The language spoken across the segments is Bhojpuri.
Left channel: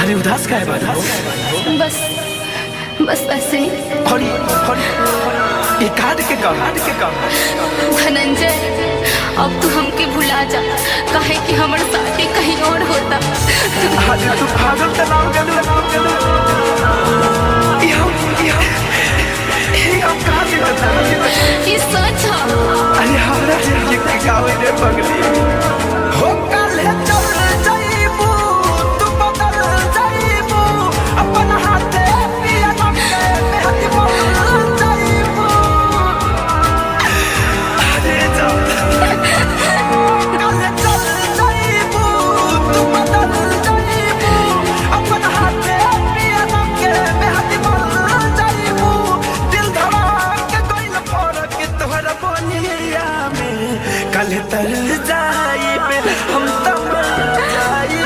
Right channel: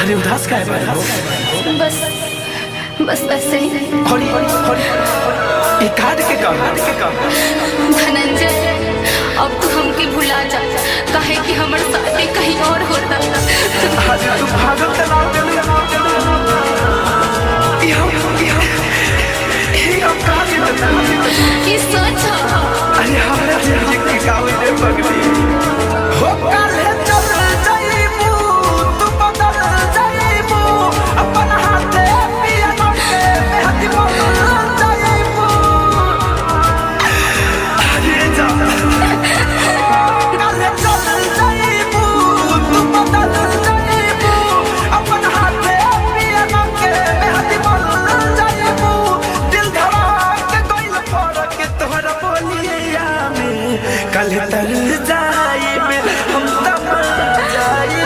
अरे उदास का है बस बस ऐसे ही। ये काट के धनंजय, अब तू हमके भुला जा, काहे कि हमर शादी कहीं और होता। अरे तू पागल तलाव गलू हम कहाँ से बता ये सच है। अरे हमरा जिंदगी की गावे रे पगली हो कल चल जाइबू तू बदल जाइबू अपन हाथे पिया नमके मेहंदी बोल जाइबू। अरे जा कल चल जाइबू तू बदल जाइबू अपन हाथे पिया नमके मेहंदी बोल जाइबू। दिल धड़क गइल फरक तोहरा बोलिया में कल तर जाइबे हम तब जाई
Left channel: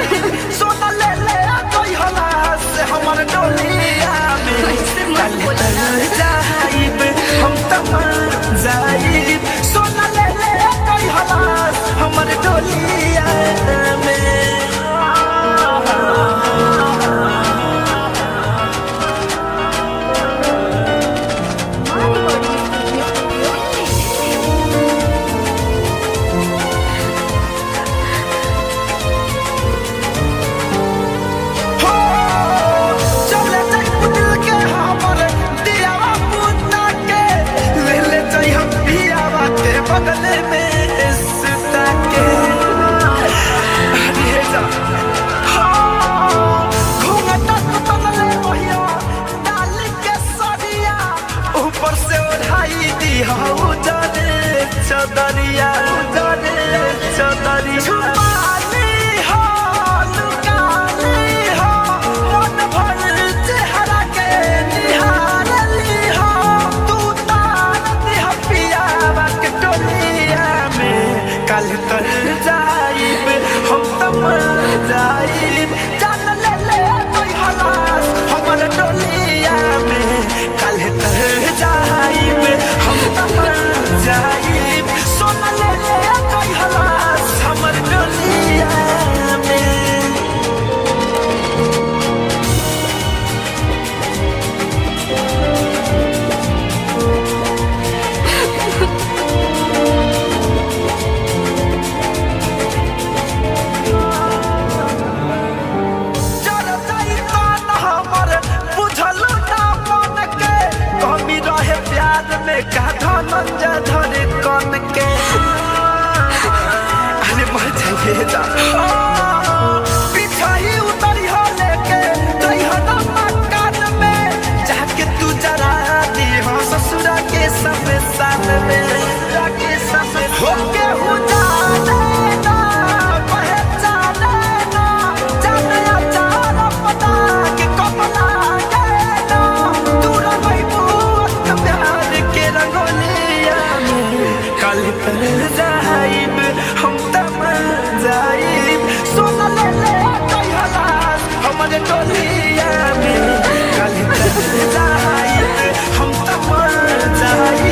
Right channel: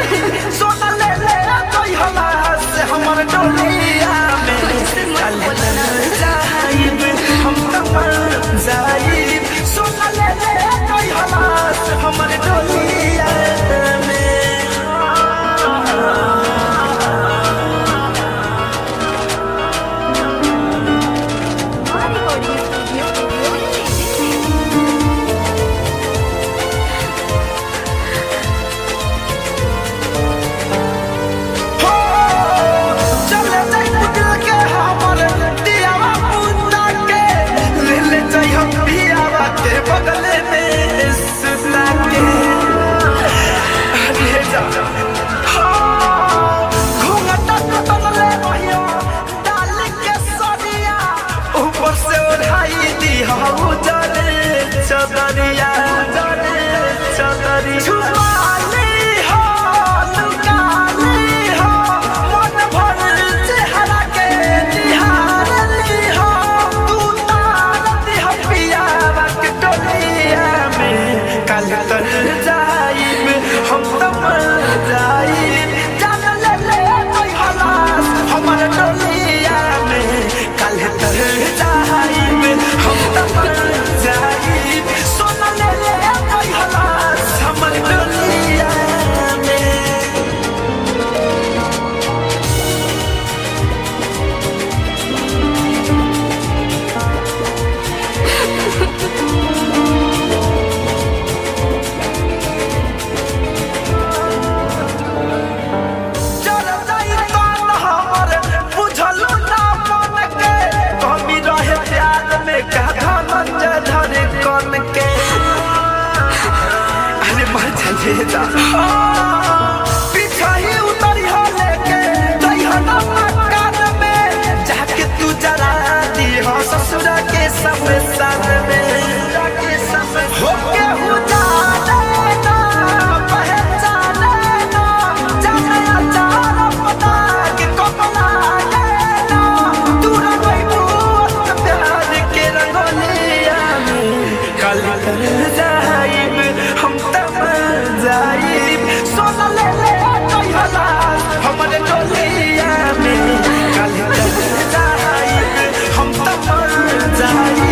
सोना ले ले कोई हला से हमर डोलिया में ऐसे मत बोलना। जाइबे हम तब जाई सोना ले ले कोई हला से हमर डोलिया में। बगले में सुता के अरे जा घूंघटा तू तनले बहिया डाल के सरिया ऊपर से ओढ़ाई दी हऊ जाने चदरिया छुपा ली हो लुका ली हो मन भर चेहरा के निहार ली हो तू तार दी हो पिया कल तर जाइब हम तब जाइब जान ले ले कोई हलास हमर डोलिया में कल तर जाइब हम तब जाइब सोना ले ले कोई हलास हमर डोलिया में। का धनंजय धरे कन के अरे मर जाइए जा पीछा ही उतरी हो लेके जई हो ना मकान में जाके तू जरा दी हो ससुरा के शमशान में हो के हो जाने ना पहचाने ना जाने अचार पता के कपला के ना तू रंगइबू प्यार के रंगोलिया में कल तर जाइब हम तब जाइब सोना ले ले कोई हलास हमारे डोलिया में कल तर जाइब हम तब जाइब।